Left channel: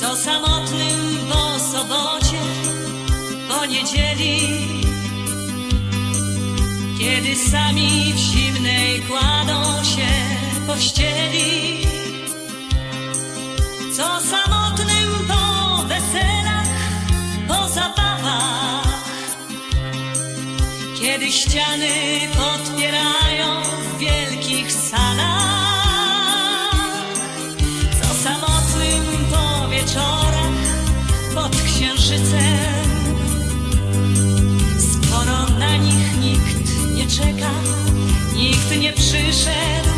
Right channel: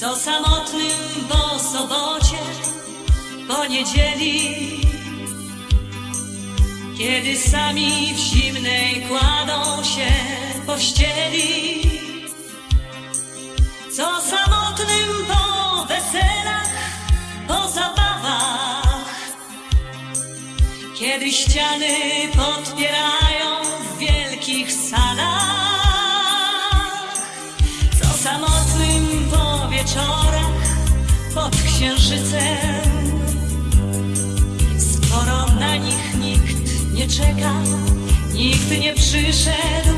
samotnym po sobocie, po niedzieli, kiedy sami w zimnej kładą się pościeli. Co samotnym po weselach, po zabawach, kiedy ściany podpierają skoro na nich nikt nie czeka, nikt nie przyszedł.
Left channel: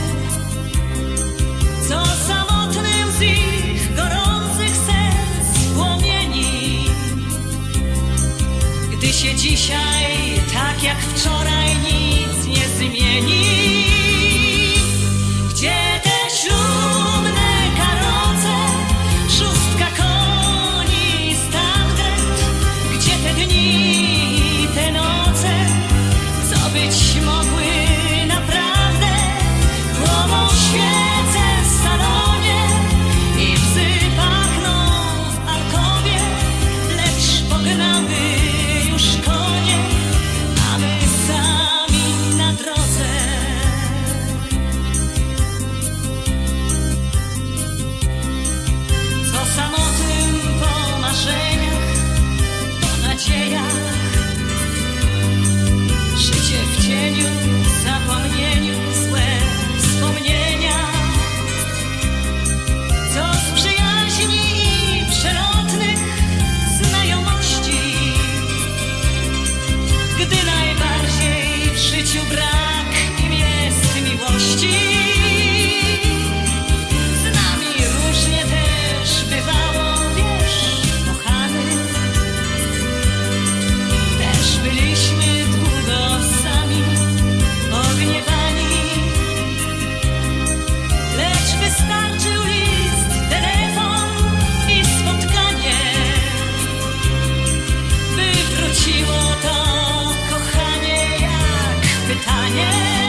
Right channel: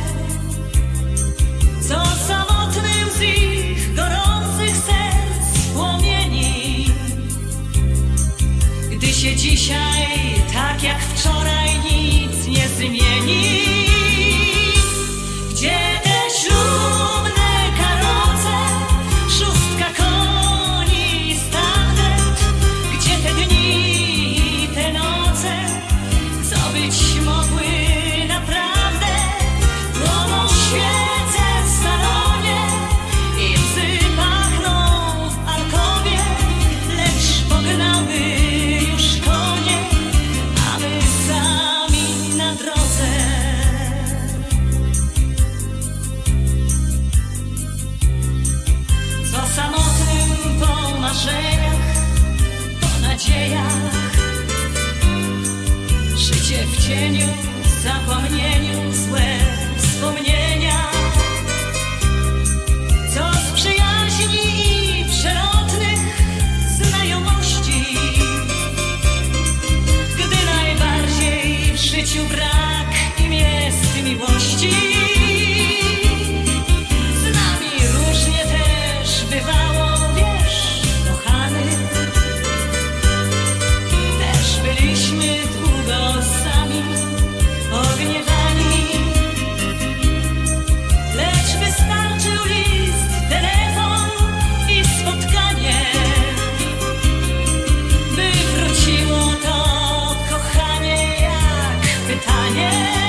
Co samotnym z ich gorących serc płomieni, gdy się dzisiaj tak jak wczoraj nic zapomnieniu, złe wspomnienia. Co z przyjaźni przelotnych znajomości? Gdy najbardziej w życiu brak yeah.